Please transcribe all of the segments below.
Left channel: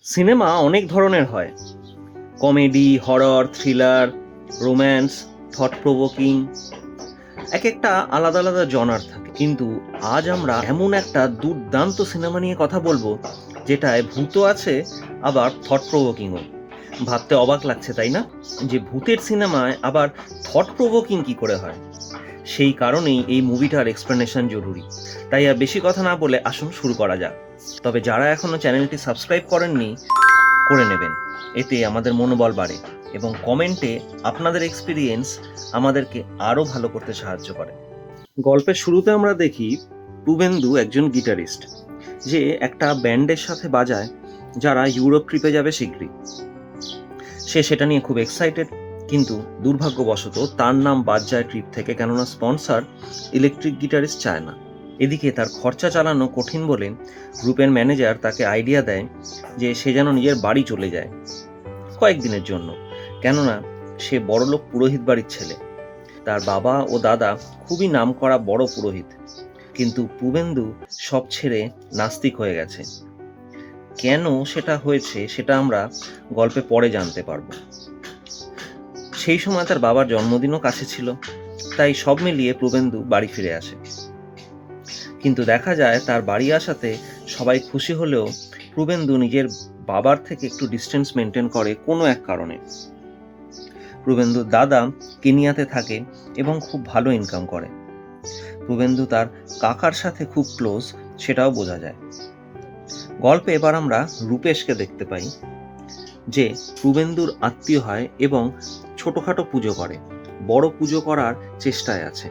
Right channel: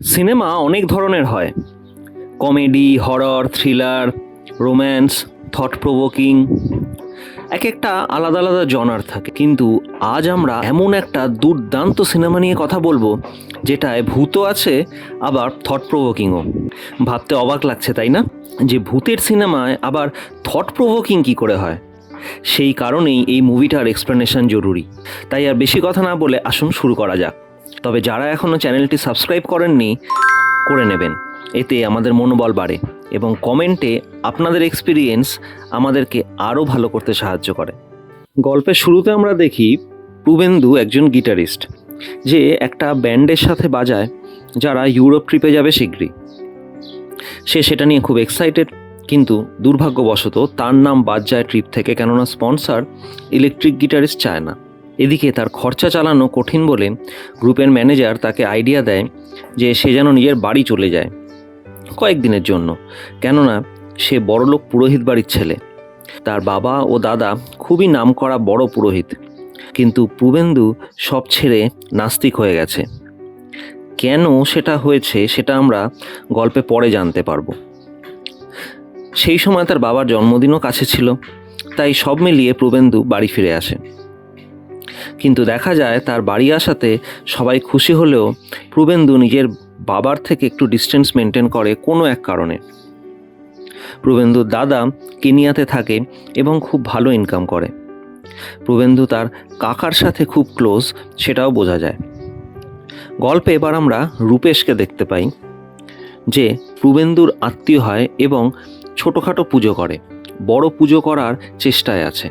Cinema অনেক ধরনের হয়। Comedy, horror, thriller, romance, thought provoking, এক একটা আলাদা আলাদা জনার থাকে। কিন্তু আজ আমরা এমন একটা দুর্দান্ত সিনেমা নিয়ে কথা বলবো যেটায় ভূতও আছে, আবার থট প্রভোকিংও। ভাবতে অবাক লাগছে তাই না, যে ভূতের সিনেমায় আবার থট প্রভোকিং কী করে হয়। সেই কারণেই এই মুভিটার এক্সপ্লেনেশন জরুরি। তাই আর বেশি কথা না বলে আসুন শুরু করা যাক। তবে যারা এখনও চ্যানেলটি সাবস্ক্রাইব করেননি, করে নেবেন। এতে আমাদের মনোবল বাড়ে এবং কমেন্টে আপনাদের এক্সপিরিয়েন্স আমাদেরকে আরও ভালো করতে সাহায্য করে। গল্পের শুরুতে আমরা দেখি পূবেন্দু একজন গিটারিস্ট, যে একটা ব্যান্ডের সাথে বাজায় যারা ইউরোপ ট্রিপে যাবে শীঘ্রই। সে সেটা নিয়ে খুব এক্সাইটেড, কিন্তু দুর্ভাগ্যবশত তার নাম বাদ যায় ট্রিপ থেকে, কেননা স্পন্সর ইলেকট্রিক গিটারিস্ট চায় না। এদিকে তার খরচা চালানো কঠিন বলে গ্রুপের ম্যানেজার তাকে আইডিয়া দেয় যে সে যেন নিজের বাড়ি চলে যায় কয়েকদিনের জন্য, কেননা সে বড়লোক পুরোহিত বাড়ির ছেলে। তার বাবা ও দাদা খুবই নামকরা বড় পুরোহিত, কিন্তু পূবেন্দু সব ছেড়ে নাস্তিক হয়ে গেছে। কেন সেটা হয়েছে সেটা আমরা গল্পে পরে জানতে পারবো। সেই সময় তার বাবার জন্মদিনও কাছে ছিল, তাই সব মিলিয়ে পূবেন্দু বাড়ি ফিরে আসে। কিন্তু দেখা যায় তার বাড়ি আসাতে সবাই খুশি হলেও পূবেন্দু নিজের বাবার থেকে একটু ডিস্টেন্স মেনটেন করে কোনো এক কারণে। পূবেন্দুর দাদা কেনিয়াতে থাকে এবং খুব ভালো ইনকাম করে। পূবেন্দু তার কাকার সাথে খুব ক্লোজ, সেটাও বোঝা যায়। গল্পে এবার আমরা রূপেশকে দেখতে পাই, যে পূবেন্দুর আত্মীয় হয় এবং ছোটোখাটো পুজো করে, বড় পুজো করার চেষ্টায় আছে।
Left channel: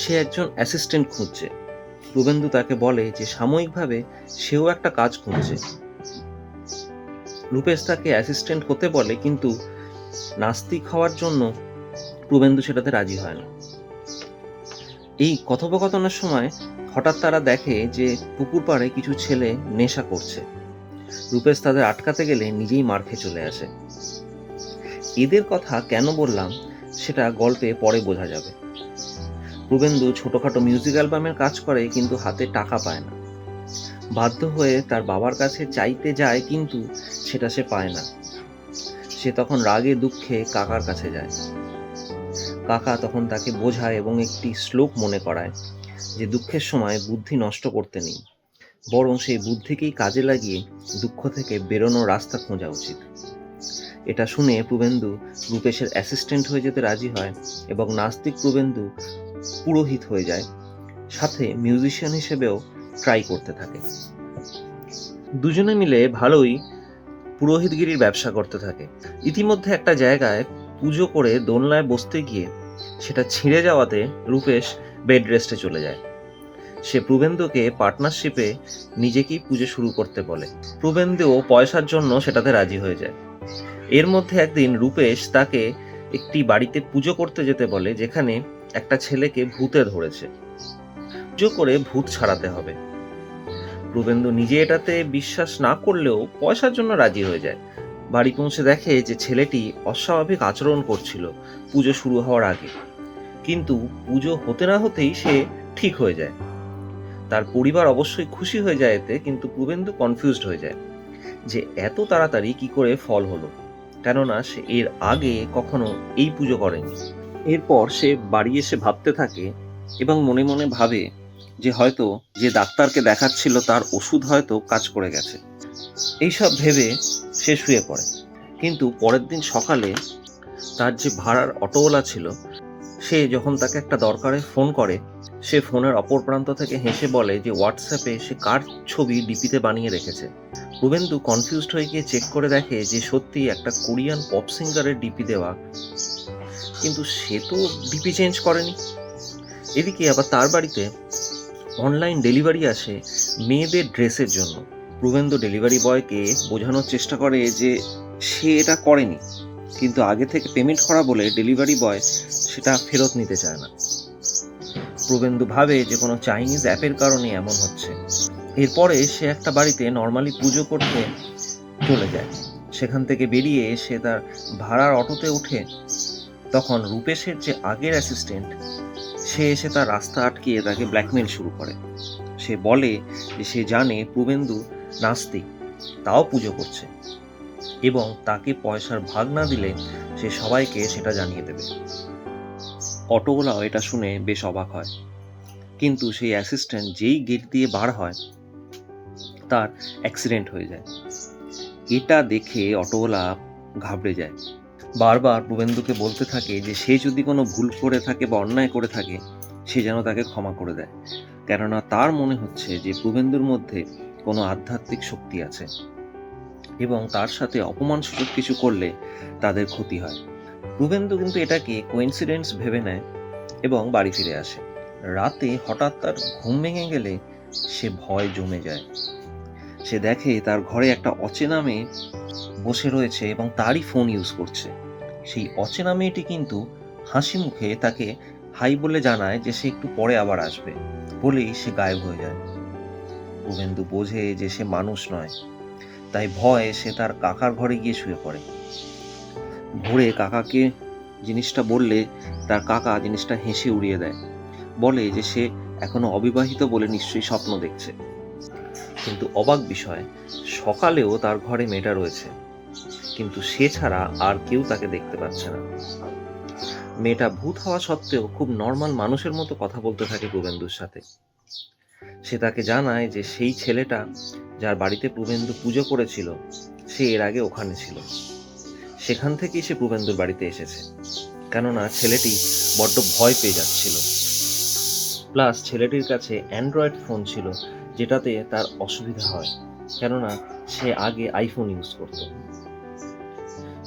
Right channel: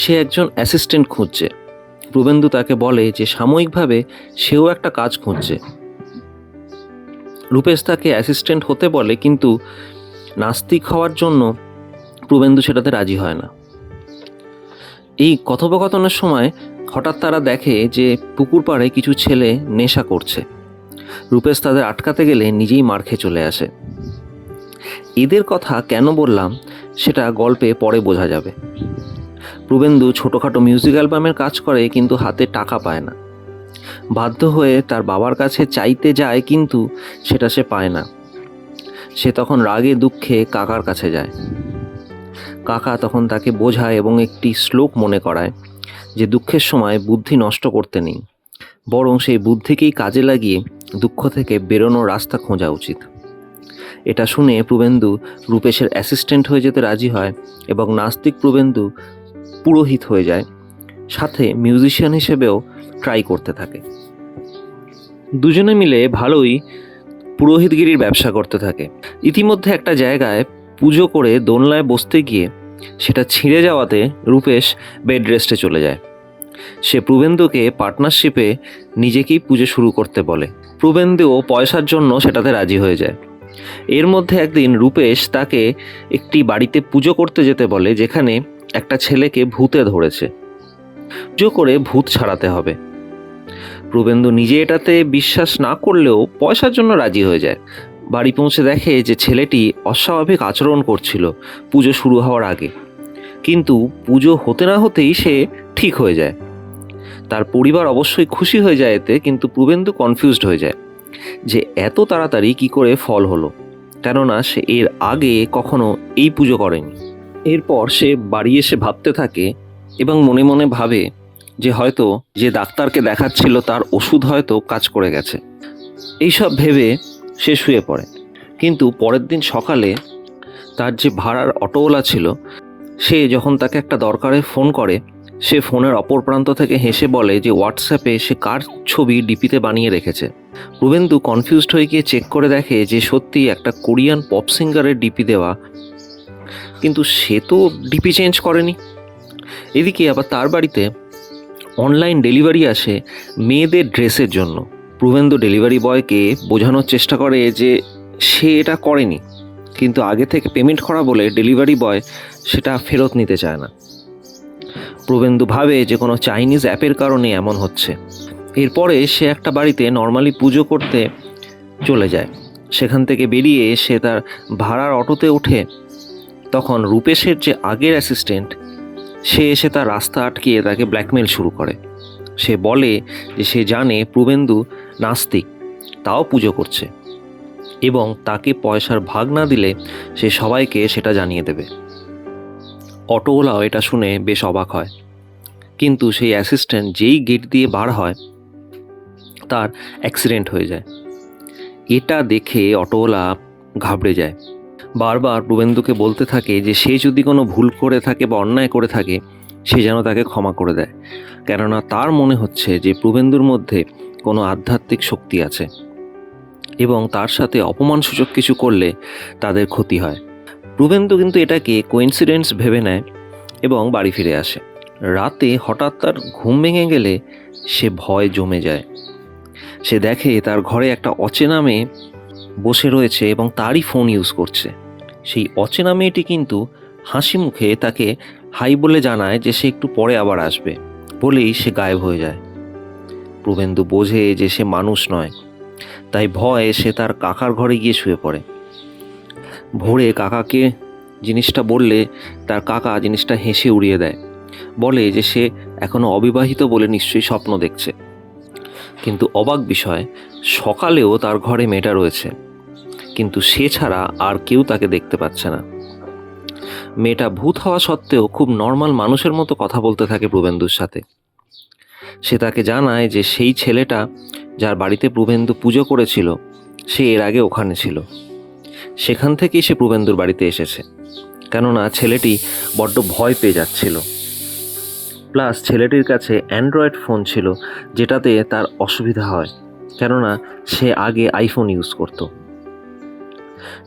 সে একজন অ্যাসিস্ট্যান্ট খুঁজছে। পূবেন্দু তাকে বলে যে সাময়িকভাবে সেও একটা কাজ খুঁজছে। রূপেশ তাকে অ্যাসিস্ট্যান্ট হতে বলে, কিন্তু নাস্তিক হওয়ার জন্য পূবেন্দু সেটাতে রাজি হয় না। এই কথোপকথনের সময় হঠাৎ তারা দেখে যে পুকুর পাড়ে কিছু ছেলে নেশা করছে। রূপেশ তাদের আটকাতে গেলে নিজেই মার খেয়ে চলে আসে। এদের কথা কেন বললাম সেটা গল্পে পরে বোঝা যাবে। পূবেন্দু ছোটোখাটো মিউজিক অ্যালবামের কাজ করে, কিন্তু হাতে টাকা পায় না। বাধ্য হয়ে তার বাবার কাছে চাইতে যায়, কিন্তু সেটা সে পায় না। সে তখন রাগে দুঃখে কাকার কাছে যায়। কাকা তখন তাকে বোঝায় এবং একটি শ্লোক মনে করায় যে দুঃখের সময় বুদ্ধি নষ্ট করতে নেই, বরং সেই বুদ্ধিকেই কাজে লাগিয়ে দুঃখ থেকে বেরোনোর রাস্তা খোঁজা উচিত। এটা শুনে পূবেন্দু রূপেশের অ্যাসিস্ট্যান্ট হয়ে যেতে রাজি হয় এবং নাস্তিক পূবেন্দু পুরোহিত হয়ে যায়, সাথে মিউজিশিয়ান হিসেবেও ট্রাই করতে থাকে। দুজনে মিলে ভালোই পুরোহিতগিরির ব্যবসা করতে থাকে। ইতিমধ্যে একটা জায়গায় পুজো করে দোলনায় বসতে গিয়ে সেটা ছিঁড়ে যাওয়াতে রূপেশ বেড রেস্টে চলে যায়। সে পূবেন্দুকে পার্টনারশিপে নিজেকেই পুজো শুরু করতে বলে। পূবেন্দুও পয়সার জন্য সেটাতে রাজি হয়ে যায়। এর মধ্যে একদিন রূপেশ তাকে একটি বাড়িতে পুজো করতে যেতে বলে, যেখানে একটা ছেলেকে ভূতে ধরেছে। পুজো করে ভূত ছাড়াতে হবে। পূবেন্দু নিজে এটাতে বিশ্বাস না করলেও পয়সার জন্য রাজি হয়ে যায়। বাড়ি পৌঁছে দেখে যে ছেলেটি অস্বাভাবিক আচরণ করছিল পুজো শুরু হওয়ার আগে, কিন্তু পুজো হতে না হতেই সে ঠিক হয়ে যায়। তার পরিবার অবশ্যই খুশি হয়ে যায় এতে, কিন্তু পূবেন্দু কনফিউজড হয়ে যায় যে এত তাড়াতাড়ি কি করে ফল হলো, কেননা সে এর আগে কখনো এই পুজো করেনি। এরপর সে বাড়ি এসে ভাবতে থাকে এবং মনে মনে ভাবে যে হয়তো যে ডাক্তারকে দেখাচ্ছিল তার ওষুধ হয়তো কাজ করে গেছে। এইসব ভেবে সে শুয়ে পড়ে। কিন্তু পরের দিন সকালে তার যে ভাড়ার অটোওয়ালা ছিল, সে যখন তাকে একটা দরকারে ফোন করে, সে ফোনের অপর প্রান্ত থেকে হেসে বলে যে হোয়াটসঅ্যাপে সে কার ছবি ডিপিতে বানিয়ে রেখেছে। পূবেন্দু কনফিউজড হয়ে গিয়ে চেক করে দেখে যে সত্যি একটা কোরিয়ান পপ সিঙ্গারের ডিপি দেওয়া, কিন্তু সে তো ডিপি চেঞ্জ করেনি। এদিকে আবার তার বাড়িতে অনলাইন ডেলিভারি আসে মেয়েদের ড্রেসের জন্য। পূবেন্দু ডেলিভারি বয়কে বোঝানোর চেষ্টা করে যে সে এটা করেনি, কিন্তু আগে থেকে পেমেন্ট করা বলে ডেলিভারি বয় সেটা ফেরত নিতে চায় না। পূবেন্দু ভাবে যে কোনো চাইনিজ অ্যাপের কারণে এমন হচ্ছে। এরপরে সে একটা বাড়িতে নর্মালি পুজো করতে চলে যায়। সেখান থেকে বেরিয়ে সে তার ভাড়ার অটোতে ওঠে। তখন রূপেশের যে আগের অ্যাসিস্ট্যান্ট, সে এসে তার রাস্তা আটকিয়ে তাকে ব্ল্যাকমেল শুরু করে। সে বলে যে সে জানে পূবেন্দু নাস্তিক তাও পুজো করছে, এবং তাকে পয়সার ভাগ না দিলে সে সবাইকে সেটা জানিয়ে দেবে। অটোওয়ালাও এটা শুনে বেশ অবাক হয়, কিন্তু সেই অ্যাসিস্ট্যান্ট যেই গেট দিয়ে বার হয় তার অ্যাক্সিডেন্ট হয়ে যায়। এটা দেখে অটোওয়ালা ঘাবড়ে যায়, বারবার প্রবেন্দুকে বলতে থাকে যে সে যদি কোনো ভুল করে থাকে বা অন্যায় করে থাকে সে যেন তাকে ক্ষমা করে দেয়, কেননা তার মনে হচ্ছে যে প্রবেন্দুর মধ্যে কোনো আধ্যাত্মিক শক্তি আছে এবং তার সাথে অপমানসূচক কিছু করলে তাদের ক্ষতি হয়। প্রবেন্দু কিন্তু এটাকে কোইন্সিডেন্স ভেবে নেয় এবং বাড়ি ফিরে আসে। রাতে হঠাৎ তার ঘুম ভেঙে গেলে সে ভয় জমে যায়। সে দেখে তার ঘরে একটা অচেনা মেয়ে বসে রয়েছে এবং তারই ফোন ইউজ করছে। সেই অচেনা মেয়েটি কিন্তু হাসি মুখে তাকে হাই বলে জানায় যে সে একটু পরে আবার আসবে, বলেই সে গায়েব হয়ে যায়। প্রবেন্দু বোঝে যে সে মানুষ নয়, তাই ভয়ে সে তার কাকার ঘরে গিয়ে শুয়ে পড়ে। ভোরে কাকাকে জিনিসটা বললে তার কাকা জিনিসটা হেসে উড়িয়ে দেয়, বলে যে সে এখনো অবিবাহিত বলে নিশ্চয়ই স্বপ্ন দেখছে। কিন্তু অবাক বিষয়, সকালেও তার ঘরে মেয়েটা রয়েছে, কিন্তু সে ছাড়া আর কেউ তাকে দেখতে পাচ্ছে না। মেয়েটা ভূত হওয়া সত্ত্বেও খুব নর্মাল মানুষের মতো কথা বলতে থাকে প্রবেন্দুর সাথে। সে তাকে জানায় যে সেই ছেলেটা যার বাড়িতে প্রবেন্দু পুজো করেছিল সে এর আগে ওখানে ছিল, সেখান থেকেই সে প্রবেন্দুর বাড়িতে এসেছে, কেননা ছেলেটি বড্ড ভয় পেয়ে যাচ্ছিল। প্লাস ছেলেটির কাছে অ্যান্ড্রয়েড ফোন ছিল, যেটাতে তার অসুবিধা হয়, কেননা সে আগে আইফোন ইউজ করত।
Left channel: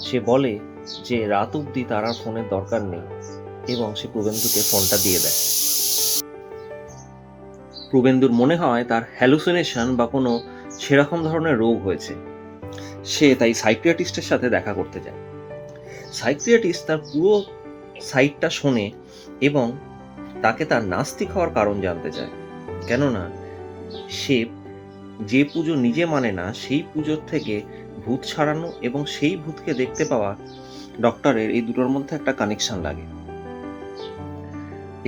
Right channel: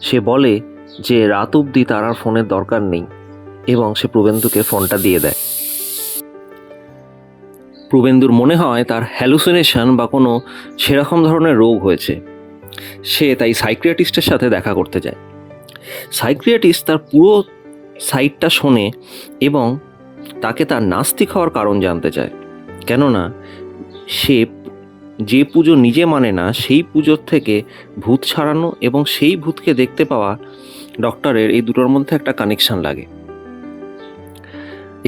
সে বলে যে রাত অবধি তার আর ফোনের দরকার নেই এবং সে প্রবেন্দুকে ফোনটা দিয়ে দেয়। প্রবেন্দুর মনে হয় তার হ্যালুসিনেশন বা কোনো সেরকম ধরনের রোগ হয়েছে। সে তাই সাইকিয়াট্রিস্টের সাথে দেখা করতে যায়। সাইকিয়াট্রিস্ট তার পুরো সাইটটা শোনে এবং তাকে তার নাস্তিক হওয়ার কারণ জানতে চায়, কেননা সে যে পুজো নিজে মানে না সেই পুজোর থেকে ভূত ছাড়ানো এবং সেই ভূতকে দেখতে পাওয়া ডক্টরের এই দুটোর মধ্যে একটা কানেকশন লাগে।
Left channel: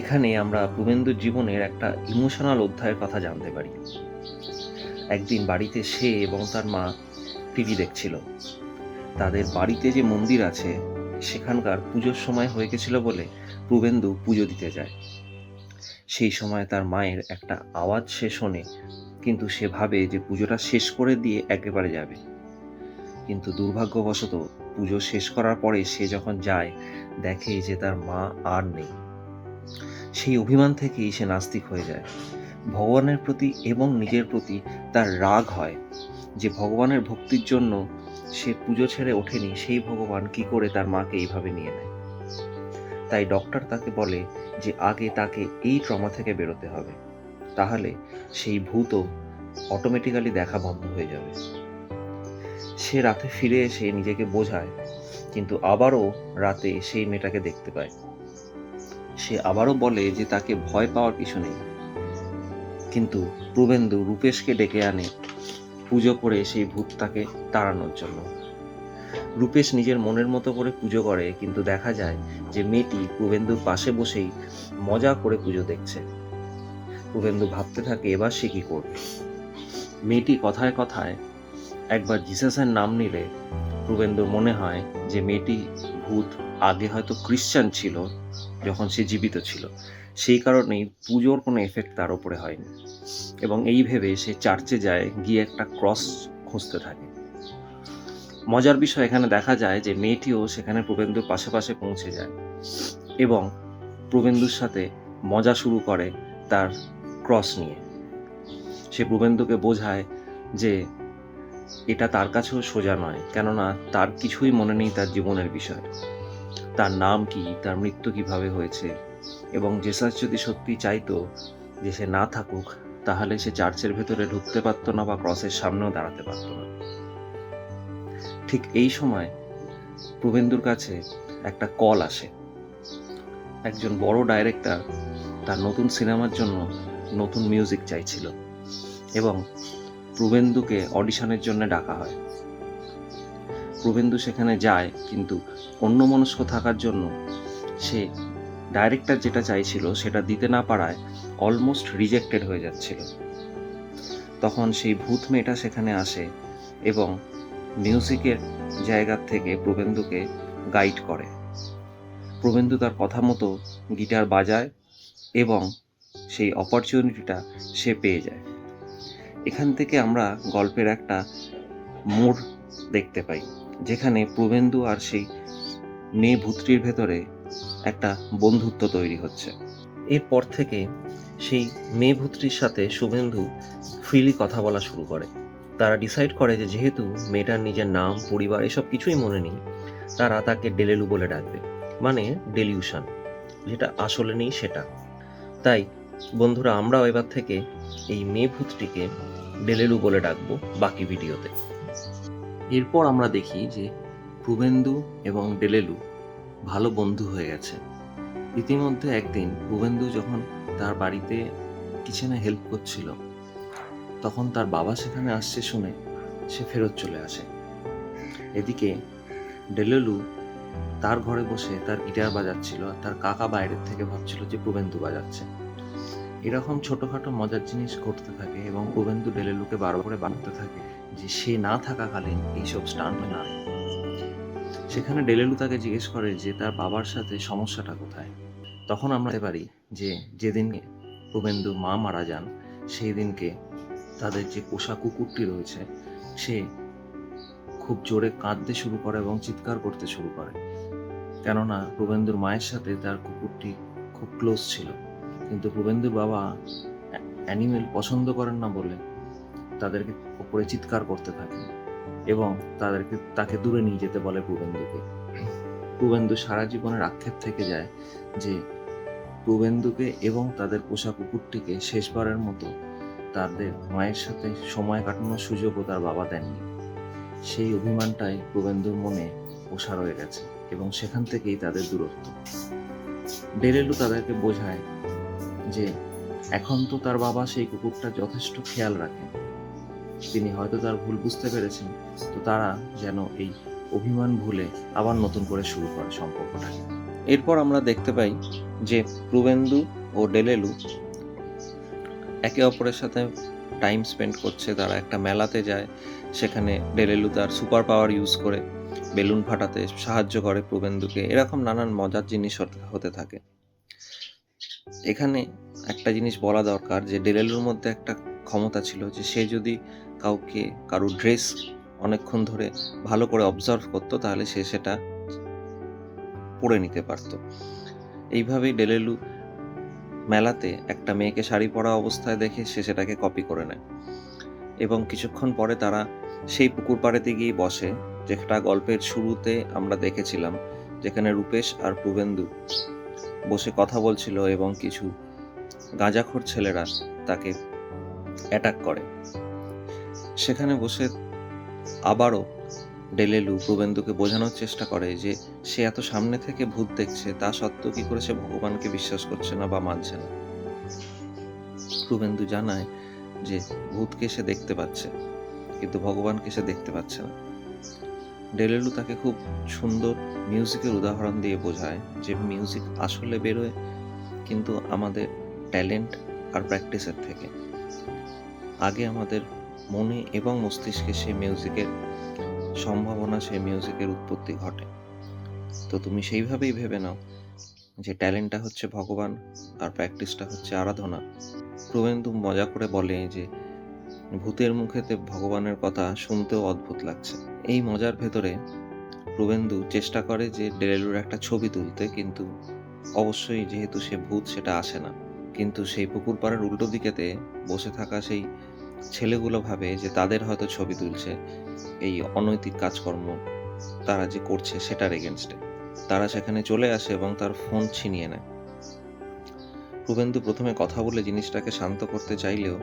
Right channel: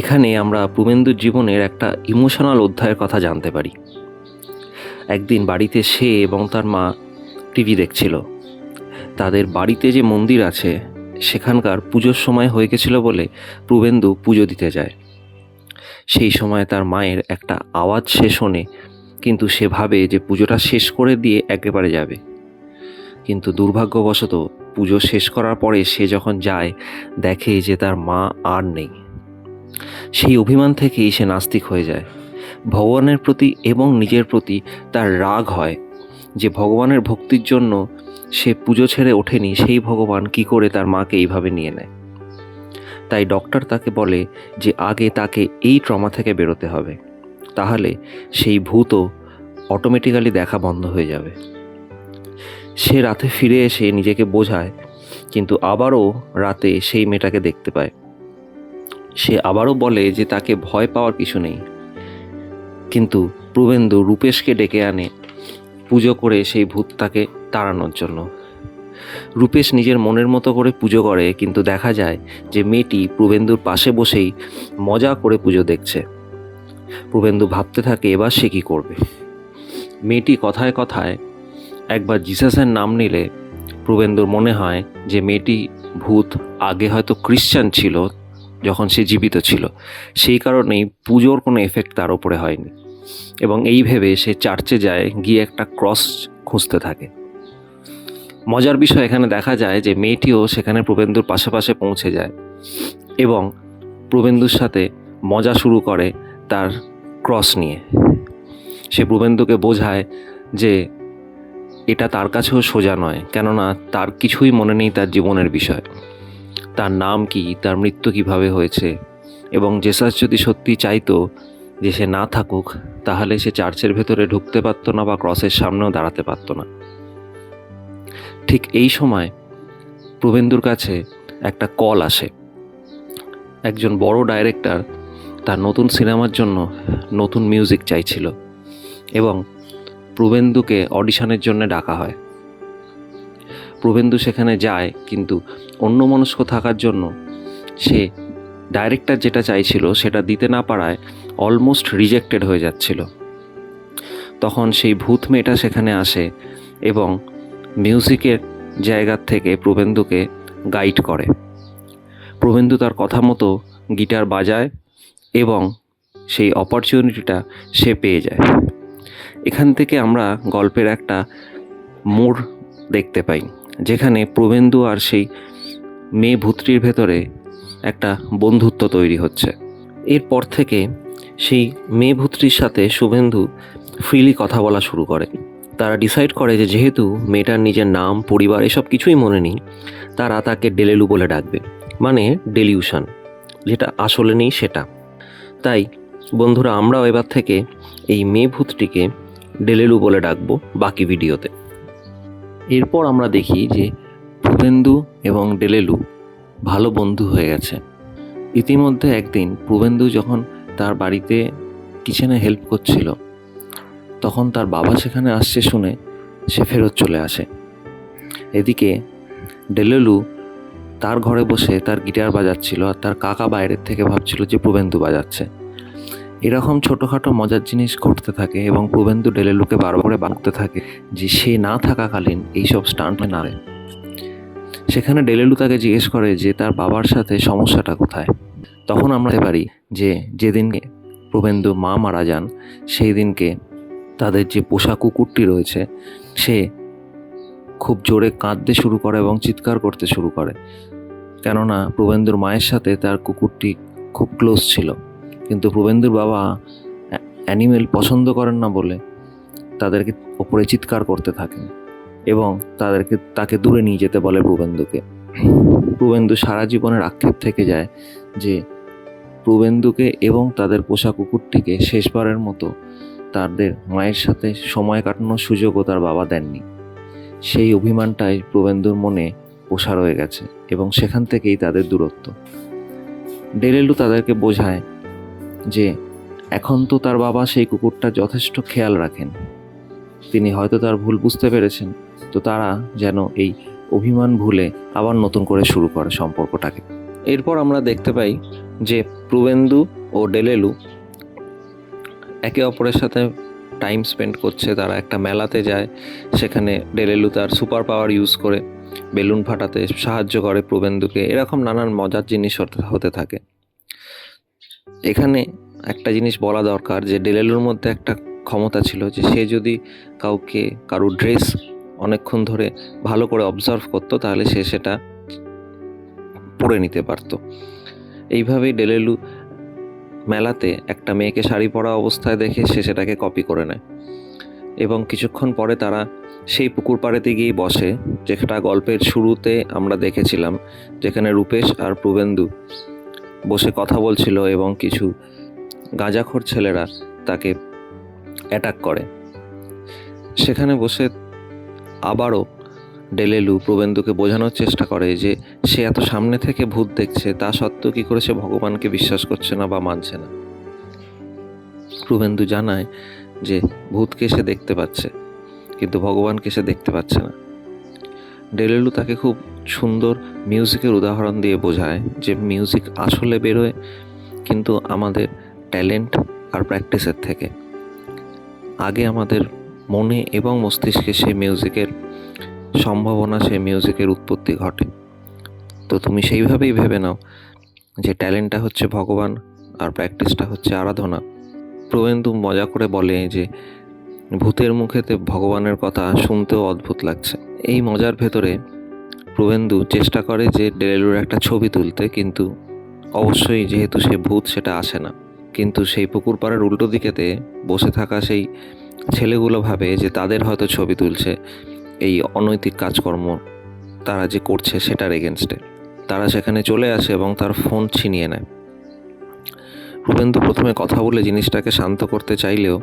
এখানে আমরা প্রবেন্দুর জীবনের একটা ইমোশনাল অধ্যায়ের কথা জানতে পারি। একদিন বাড়িতে সে এবং তার মা টিভি দেখছিল। তাদের বাড়িতে যে মন্দির আছে সেখানকার পুজোর সময় হয়ে গেছিল বলে প্রবেন্দু পুজো দিতে যায়। সেই সময় তার মায়ের একটা আওয়াজ সে শোনে, কিন্তু সে ভাবে যে পুজোটা শেষ করে দিয়ে একেবারে যাবে। কিন্তু দুর্ভাগ্যবশত পুজো শেষ করার পরে সে যখন যায় দেখে যে তার মা আর নেই। সেই অভিমান থেকেই সে নাস্তিক হয়ে যায়। ভগবানের প্রতি এবং নিজের প্রতি তার রাগ হয় যে ভগবানের ভক্তির জন্য সে পুজো ছেড়ে ওঠেনি, সেই ভগবান কি করে তার মাকে এইভাবে নিয়ে নেয়। তাই ডক্টর তাকে বলে যে আগে তাকে এই ট্রমা থেকে বেরোতে হবে, তাহলে সেই ভূতও অটোমেটিক্যালি দেখা বন্ধ হয়ে যাবে। সে রাতে ফিরে এসে নিজেকে বোঝায়, কিন্তু আবারও রাতে সেই মেয়েটাকে দেখতে পায়। সে আবারও বলে যে তাকে ভয় পাওয়ার কিছু নেই, কিন্তু প্রবেন্দু রূপেশকে ডেকে আনে পুজো করে সেই ভূতটাকে তাড়ানোর জন্য। রূপেশ নিজের মনের মতো করে পুজো করে, কিন্তু দেখা যায় যে মেয়েটি প্রবেন্দুর পাশে বসেই মজা করে পুজো দেখছে। প্রবেন্দু ভাবতে থাকে এবার সে কী করবে। মেয়েটি কথায় কথায় একবার জিসাসের নাম নিলে প্রবেন্দুর মনে হয় যে মেয়েটি ভূত আগে হয়তো খ্রিশ্চান ছিল যখন সে জীবিত ছিল, সেই কারণেই পুজোর কোনো এফেক্ট তার ওপরে হয়নি, এবং এই ভেবে সে চার্চে যায়, গিয়ে একটা ক্রস খুঁজতে থাকে। মজার বিষয় এখানে দেখা যায় যে মেয়েটিও সেখানে প্রবেন্দুর পাশাপাশি পৌঁছে যায় এবং প্রবেন্দুর সাথে মজা শুরু করে তার ক্রস নিয়ে। সে প্রবেন্দুকে বোঝায় যে এটা তার কাছেও সোজা নয়, কেননা তার কিছুই মনে নেই তার জীবনের বিষয়, তার নাম কি, তার মৃত্যু কিভাবে হয়েছে, এবং জেসাস যদি সত্যি চাইতো যে সে না থাকুক তাহলে সে চার্চের ভেতরে ঢুকতে পারতো না বা ক্রসের সামনেও দাঁড়াতে পারতো না। ঠিক এই সময় প্রবেন্দুর কাছে একটা কল আসে। একজন বড় ডাইরেক্টর তার নতুন সিনেমার জন্য নতুন মিউজিক চাইছিল এবং প্রবেন্দুকে অডিশনের জন্য ডাকা হয়। প্রবেন্দু সেখানে যায়, কিন্তু অন্যমনস্ক থাকার জন্য সে ডাইরেক্টর যেটা চাইছিল সেটা দিতে না পারায় অলমোস্ট রিজেক্টেড হয়ে যাচ্ছিল। তখন সেই ভূত মেয়েটা সেখানে আসে এবং মিউজিকের জায়গা থেকে প্রবেন্দুকে গাইড করে। প্রবেন্দু তার কথা মতো গিটার বাজায় এবং সেই অপরচুনিটিটা সে পেয়ে যায়। এখান থেকে আমরা গল্পের একটা মোড় দেখতে পাই, যেখানে প্রবেন্দু আর সেই মেয়ে ভূতটির ভেতরে একটা বন্ধুত্ব তৈরি হচ্ছে। এরপর থেকে সেই মেয়ে ভূতটির সাথে শুভেন্দু ফ্রিলি কথা বলা শুরু করে। তারা ডিসাইড করে যে যেহেতু মেয়েটার নিজের নাম, পরিবার এসব কিছুই মনে নেই, তারা তাকে ডেলেলু বলে ডাকবে, মানে ডেলিউশন, যেটা আসলে নেই সেটা। তাই বন্ধুরা, আমরাও এবার থেকে এই মেয়ে ভূতটিকে ডেলেলু বলে ডাকবো বাকি ভিডিওতে। এরপর আমরা দেখি যে প্রবেন্দু এবং ডেলেলু ভালো বন্ধু হয়ে গেছে। ইতিমধ্যে একদিন প্রবেন্দু যখন তার বাড়িতে কিচেনে হেল্প করছিল, তখন তার বাবা সেখানে আসছে শুনে সে ফেরত চলে আসে। এদিকে ডেলেলু তার ঘরে বসে তার গিটার বাজাচ্ছিল, আর তার কাকা বাইরের থেকে ভাবছিল যে প্রবেন্দু বাজাচ্ছে। এরকম ছোটোখাটো মজার জিনিস ঘটতে থাকে এবং প্রবেন্দু ডেলেলুকে বারবার করে বাঁকতে থাকে যে সে না থাকাকালীন এইসব স্টান্ট না রে। সেখানে ডেলেলু তাকে জিজ্ঞেস করে যে তার বাবার সাথে সমস্যাটা কোথায়। তখন আমরা দেখতে পারি যে যেদিনকে প্রবেন্দু মা মারা যান, সেই দিনকে তাদের যে পোষা কুকুরটি রয়েছে সে খুব জোরে কাঁদতে শুরু করে এবং চিৎকার করতে শুরু করে, কেননা প্রবেন্দুর মায়ের সাথে তার কুকুরটি খুব ক্লোজ ছিল। কিন্তু প্রবেন্দুর বাবা অ্যানিমেল পছন্দ করেন না বলে তাদেরকে ওপরে চিৎকার করতে থাকেন এবং তাকে দূরে নিয়ে যেতে বলে প্রবেন্দুকে। প্রবেন্দু সারা জীবনের আক্ষেপ থেকে যায় যে প্রবেন্দুকে এবং তাদের পোষা কুকুরটিকে শেষবারের মতো তাদের মায়ের সাথে সময় কাটানোর সুযোগও তার বাবা দেননি। সেই অভিমানটাই প্রবেন্দুর মনে পোষা রয়ে গেছে এবং সেখান থেকেই তাদের দূরত্ব। ডেলেলু তাদেরকে বোঝায় যে এখন তো তার বাবা সেই কুকুরটা যথেষ্ট খেয়াল রাখেন, তিনি হয়তো তার ভুল বুঝতে পেরেছেন, তো তারা যেন এই অভিমান ভুলে আবার নতুন করে শুরু করে সম্পর্কটাকে। এরপর আমরা দেখতে পাই যে প্রবেন্দু ও ডেলেলু একে অপরের সাথে টাইম স্পেন্ড করছে। তারা একটা মেলাতে যায়, সেখানে ডেলেলু তার সুপার পাওয়ার ইউজ করে বেলুন ফাটাতে সাহায্য করে প্রবেন্দুকে। এরকম নানান মজার জিনিস হতে থাকে। এখানে একটা জিনিস বলা দরকার যে ডেলেলুর মধ্যে একটা ক্ষমতা ছিল যে সে যদি কারো ড্রেস অনেকক্ষণ ধরে ভালো করে অবজার্ভ করতো, তাহলে সে সেটা পরে নিতে পারত। এইভাবেই ডেলেলু মেলাতে একটা মেয়েকে শাড়ি পরা অবস্থায় দেখে সে সেটাকে কপি করে নেয় এবং কিছুক্ষণ পরে তারা সেই পুকুর পাড়েতে গিয়ে বসে, যেটা গল্পের শুরুতে আমরা দেখেছিলাম, যেখানে রূপেশ আর প্রবেন্দু বসে কথা বলছিল এবং কিছু গাঁজাখোর ছেলেরা তাকে অ্যাটাক করে। সেখানে বসে আবারও ডেলেলু প্রবেন্দুকে বোঝানোর চেষ্টা করে যে সে এত সামনে থেকে ভূত দেখছে, তা সত্ত্বেও কী করে সে ভগবানকে বিশ্বাস করছে না বা মানছে না। প্রবেন্দু জানায় যে ভূতকে সে দেখতে পাচ্ছে, কিন্তু ভগবানকে সে দেখতে পাচ্ছে না। ডেলেলু তাকে খুব সুন্দর মিউজিকের উদাহরণ দিয়ে বোঝায় যে মিউজিক আসলে বেরোয় কিন্তু আমাদের ট্যালেন্ট আর প্র্যাকটিসের থেকে। আগে আমাদের মনে এবং মস্তিষ্কে সেই মিউজিকের সম্ভাবনা, সেই মিউজিকের উৎপত্তি ঘটে। তো তুমি সেইভাবেই ভেবে নাও যে ট্যালেন্টটা হচ্ছে ভগবান আর প্র্যাকটিসটা হচ্ছে আরাধনা। প্রবেন্দু মজা করে বলে যে ভূতের মুখেতে ভগবানের কথা শুনতেও অদ্ভুত লাগছে। এই মজার ভেতরে প্রবেন্দু চেষ্টা করে যে ডেলেলুর একটা ছবি তুলতে, কিন্তু অবশ্যই যেহেতু সে ভূত সেটা আসে না। কিন্তু সেই পুকুর পাড়ের উল্টো দিকেতে বসে থাকা সেই ছেলেগুলো ভাবে যে তাদের হয়তো ছবি তুলছে এই অনৈতিক কাজকর্ম তারা যে করছে সেটার এগেনস্টে। তারা সেখানে চলে আসে এবং তার ফোন ছিনিয়ে নেয়। প্রবেন্দু প্রথমে কথা বলে জিনিসটাকে শান্ত করতে চাইলেও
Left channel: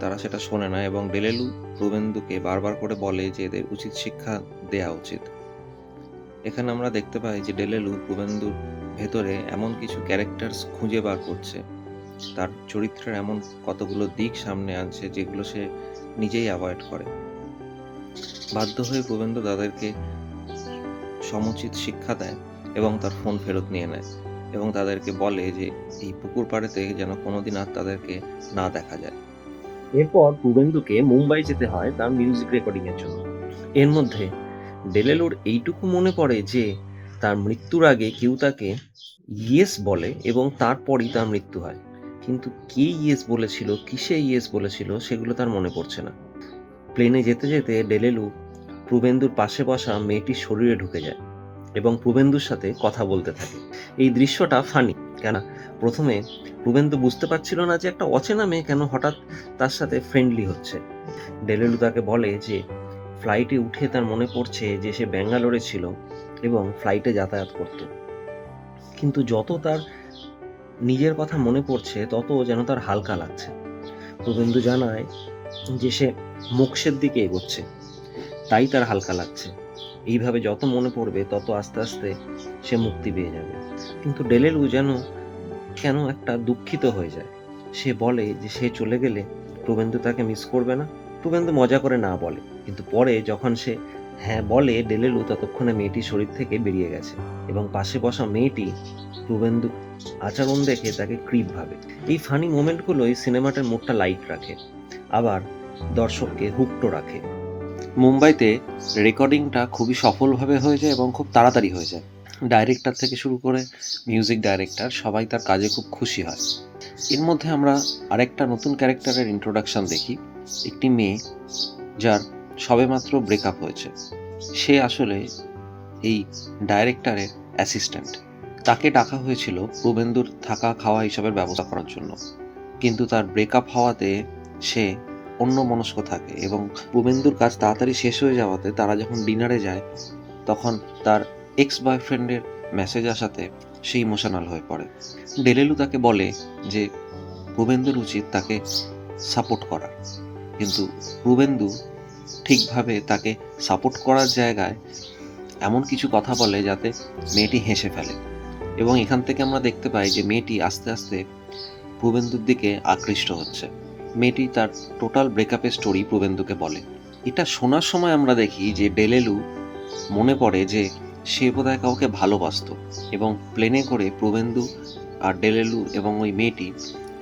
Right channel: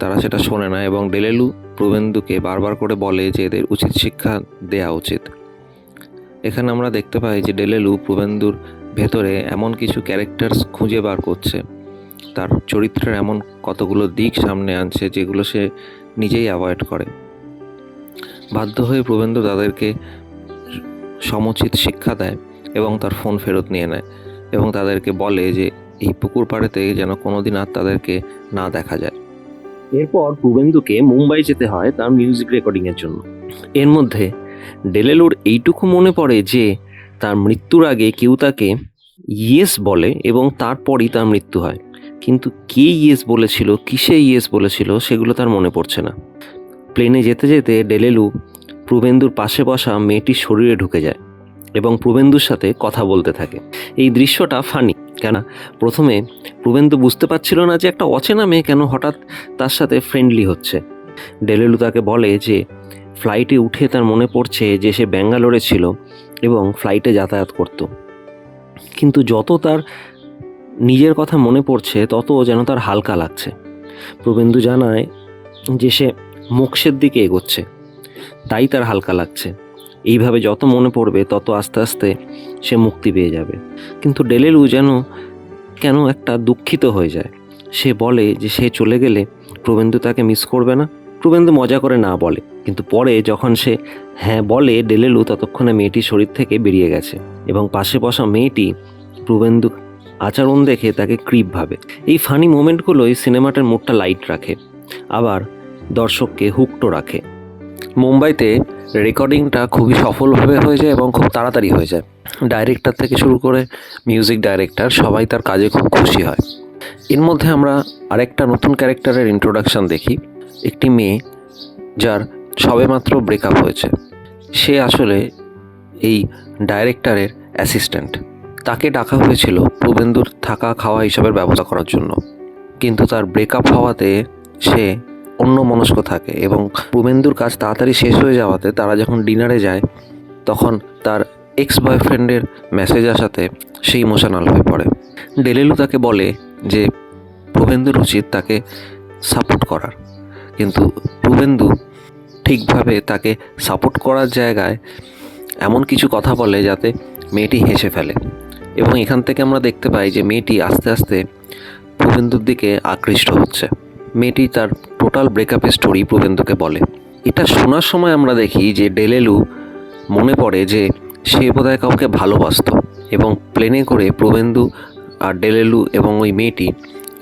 তারা সেটা শোনে না এবং ডেলেলু প্রবেন্দুকে বারবার করে বলে যে এদের উচিত শিক্ষা দেওয়া উচিত। এখানে আমরা দেখতে পাই যে ডেলেলু প্রবেন্দুর ভেতরে এমন কিছু ক্যারেক্টার্স খুঁজে বার করছে, তার চরিত্রের এমন কতগুলো দিক সামনে আনছে যেগুলো সে নিজেই অ্যাভয়েড করে। বাধ্য হয়ে প্রবেন্দু তাদেরকে সমুচিত শিক্ষা দেয় এবং তার ফোন ফেরত নিয়ে নেয় এবং তাদেরকে বলে যে এই পুকুর পাড়েতে যেন কোনোদিন আর তাদেরকে না দেখা যায়। এরপর প্রবেন্দুকে মুম্বাই যেতে হয় তার মিউজিক রেকর্ডিংয়ের জন্য। এর মধ্যে ডেলেলুর এইটুকু মনে পড়ে যে তার মৃত্যুর আগে কেউ তাকে ইয়েস বলে এবং তারপরই তার মৃত্যু হয়, কিন্তু কে ইয়েস বলেছিল, কিসে ইয়েস বলেছিল সেগুলো তার মনে পড়ছে না। প্লেনে যেতে যেতে ডেলেলু প্রবেন্দুর পাশে বসা মেয়েটির শরীরে ঢুকে যায় এবং প্রবেন্দুর সাথে কথা বলতে থাকে। এই দৃশ্যটা ফানি, কেন প্রথমে প্রবেন্দু বুঝতে পারছিল না যে একটা অচেনা মেয়ে কেন হঠাৎ তার সাথে ফ্রেন্ডলি হচ্ছে। ডেলেলু তাকে বলে যে ফ্লাইটে উঠে তার মনে পড়ছে যে সে ব্যাঙ্গালোরে ছিল এবং ফ্লাইটে যাতায়াত করত, কিন্তু যত তার নিজের কথা মনে পড়ছে তত যেন তার হালকা লাগছে। প্রবেন্দু জানায় যে সে মোক্ষের দিকে এগোচ্ছে, তাই তার হালকা লাগছে। এইভাবে যত মনে পড়বে তত আস্তে আস্তে সে মুক্তি পেয়ে যাবে। কিন্তু ডেলেলু যেন কেন একটা দুঃখিত হয়ে যায়। সে বলে যে সে চলে গেলে প্রবেন্দু তাকে মিস করবে না। প্রবেন্দু মজা করে না বলে, কিন্তু পরে যখন সে হ্যাঁ বলে, ডেলেলু ততক্ষণে মেয়েটির শরীর থেকে বেরিয়ে গেছে এবং পাশে বসা মেয়েটি প্রবেন্দু আচরণ দেখে তাকে ক্রিপ ভাবে। এই ফানি মোমেন্টগুলোই সিনেমাটার মুডটা লাইট রাখে, আবার দর্শককে হুকটো রাখে। মুম্বাইতে রেকর্ডিংটা খুবই সফলভাবে হয়ে যায় এবং খুব তাড়াতাড়ি হয়ে যায়। ডাইরেক্টর থেকে শুরু করে মিউজিক ডাইরেক্টর সবাই তার কাজে খুব খুশি হয়। এর মধ্যে আমরা আরেকটা নতুন ক্যারেক্টারের ইন্ট্রোডাকশন দেখি। একটি মেয়ে যার সবেমাত্র ব্রেকআপ হয়েছে, সে আসলে এই ডাইরেক্টরের অ্যাসিস্ট্যান্ট। তাকে ডাকা হয়েছিল প্রবেন্দুর থাকা খাওয়া হিসাবের ব্যবস্থা করার জন্য, কিন্তু তার ব্রেকআপ হওয়াতে সে অন্য মনস্ক থাকে এবং প্রবেন্দুর কাজ তাড়াতাড়ি শেষ হয়ে যাওয়াতে তারা যখন ডিনারে যায় তখন তার এক্স বয়ফ্রেন্ডের মেসেজ আসাতে সে ইমোশনাল হয়ে পড়ে। ডেলেলু তাকে বলে যে প্রবেন্দুর উচিত তাকে সাপোর্ট করার, কিন্তু প্রবেন্দু ঠিকভাবে তাকে সাপোর্ট করার জায়গায় এমন কিছু কথা বলে যাতে মেয়েটি হেসে ফেলে, এবং এখান থেকে আমরা দেখতে পাই যে মেয়েটি আস্তে আস্তে প্রবেন্দুর দিকে আকৃষ্ট হচ্ছে। মেয়েটি তার টোটাল ব্রেকআপের স্টোরি প্রবেন্দুকে বলে। এটা শোনার সময় আমরা দেখি যে ডেলেলু মনে পড়ে যে সে বোধহয় কাউকে ভালোবাসত, এবং প্লেনে করে প্রবেন্দু আর ডেলেলু এবং ওই মেয়েটি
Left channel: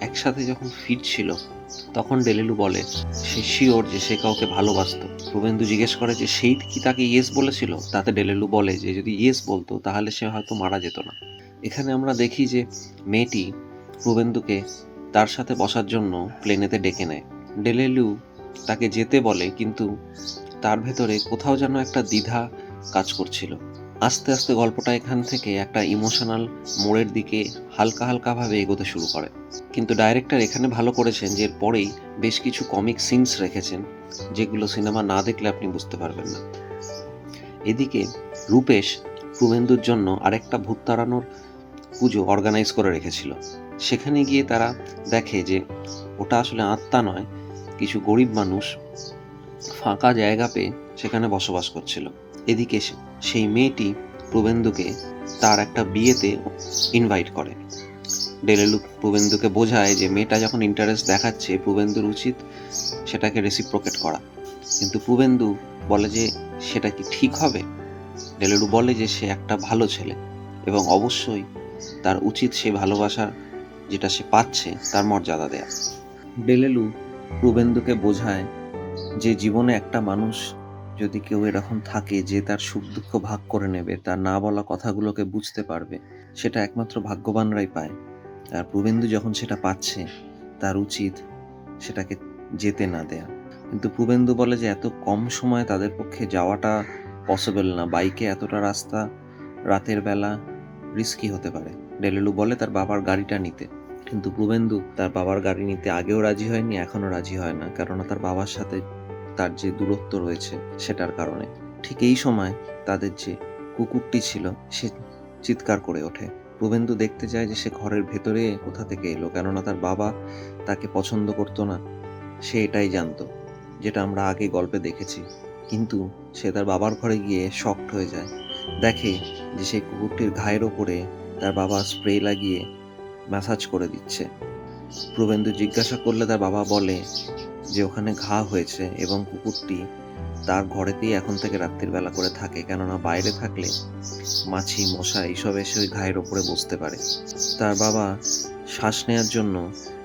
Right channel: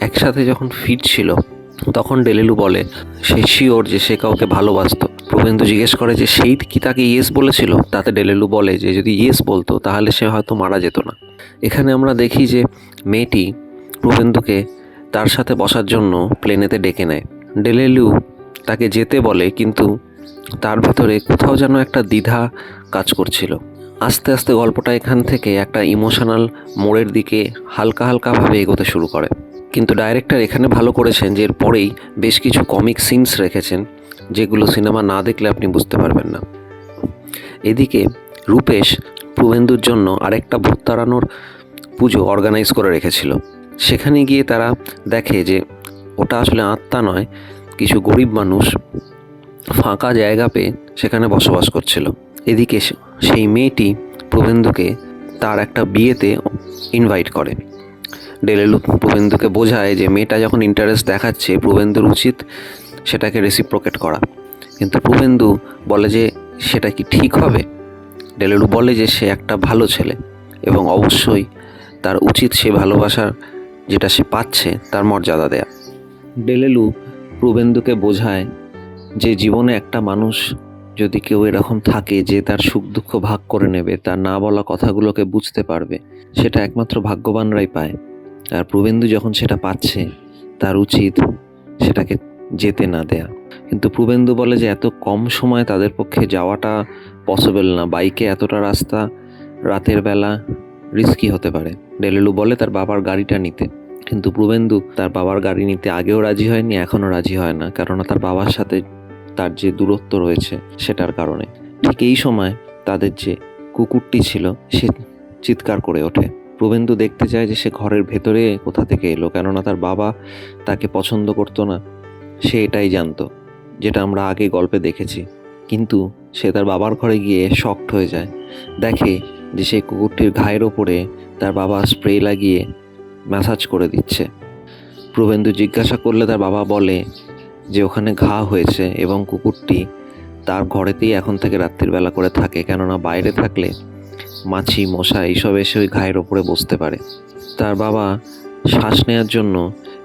একসাথে যখন ফিরছিল তখন ডেলেলু বলে সে শিওর যে সে কাউকে ভালোবাসত। প্রবেন্দু জিজ্ঞেস করে যে সেই কি তাকে ইয়েস বলেছিল, তাতে ডেলেলু বলে যে যদি ইয়েস বলতো তাহলে সে হয়তো মারা যেত না। এখানে আমরা দেখি যে মেয়েটি প্রবেন্দুকে তার সাথে বসার জন্য প্লেনেতে ডেকে নেয়। ডেলেলু তাকে যেতে বলে, কিন্তু তার ভেতরে কোথাও যেন একটা দ্বিধা কাজ করছিল। আস্তে আস্তে গল্পটা এখান থেকে একটা ইমোশনাল মোড়ের দিকে হালকা হালকাভাবে এগোতে শুরু করে। কিন্তু ডাইরেক্টর এখানে ভালো করেছেন যে এরপরেই বেশ কিছু কমিক সিনস রেখেছেন যেগুলো সিনেমা না দেখলে আপনি বুঝতে পারবেন না। এদিকে রূপেশ প্রবেন্দুর জন্য আরেকটা ভূত তাড়ানোর পুজো অর্গানাইজ করে রেখেছিল। সেখানে গিয়ে তারা দেখে যে ওটা আসলে আত্মা নয়, কিছু গরিব মানুষ ফাঁকা জায়গা পেয়ে সেখানে বসবাস করছিল। এদিকে সেই মেয়েটি প্রবেন্দুকে তার একটা বিয়েতে ইনভাইট করে। ডেলেলু প্রবেন্দুকে বোঝায় যে মেয়েটা যখন ইন্টারেস্ট দেখাচ্ছে প্রবেন্দুর উচিত সেটাকে রেসিপ্রোকেট করা, কিন্তু প্রবেন্দু বলে যে সেটা কি ঠিক হবে। ডেলেলু বলে যে সে একটা ভালো ছেলে এবং অবশ্যই তার উচিত সে ভালোবাসার যেটা সে পাচ্ছে তার মর্যাদা দেয়া। ডেলেলু প্রবেন্দুকে বোঝায় যে জীবনে একটা মানুষ যদি কেউ এরকম থাকে যে তার সুখ দুঃখ ভাগ করে নেবে, তার না বলা কথাগুলোকে বুঝতে পারবে, সেটা একমাত্র ভাগ্যবানরাই পায়। আর প্রবেন্দু যখন সেটা পাচ্ছে তার উচিত সেটাকে যেতে না দেয়া। কিন্তু প্রবেন্দু বলে যে এত কম সময় তাদের পক্ষে যাওয়াটা পসিবল না, বাইকে এতটা রাস্তা রাতের বেলা রিস্কি হতে পারে। ডেলেলু বলে তার বাবার গাড়িটা নিতে, কিন্তু প্রবেন্দু তার বাবার গাড়ি নিতে আগেও রাজি হয়নি, এখনও রাজি হয় না, কেননা তার বাবার সাথে তার যে দূরত্ব রয়েছে সেটার কারণে। ঠিক এই সময় তাদের যে কুকুরটি ছিল সে চিৎকার করে ওঠে। প্রবেন্দু দেখতে চায় যে সে ঘরের ভেতরে কোথা থেকে এলো, কেননা তার বাবা তাকে পছন্দ করতো না, সে এটাই জানতো, যেটা আমরা আগে গল্পে দেখেছি। কিন্তু সে তার বাবার ঘরে গিয়ে শকড হয়ে যায়, দেখে যে সেই কুকুরটির ঘায়ের ওপরে তার বাবা স্প্রে লাগিয়ে ম্যাসাজ করে দিচ্ছে। প্রবেন্দু জিজ্ঞাসা করলে তার বাবা বলে যে ওখানে ঘা হয়েছে এবং কুকুরটি তার ঘরেতেই এখন থেকে রাত্রির বেলা করে থাকে, কেননা বাইরে থাকলে মাছি মশা এইসব এসে ওই ঘায়ের ওপরে বসতে পারে। তার বাবা শ্বাস নেওয়ার জন্য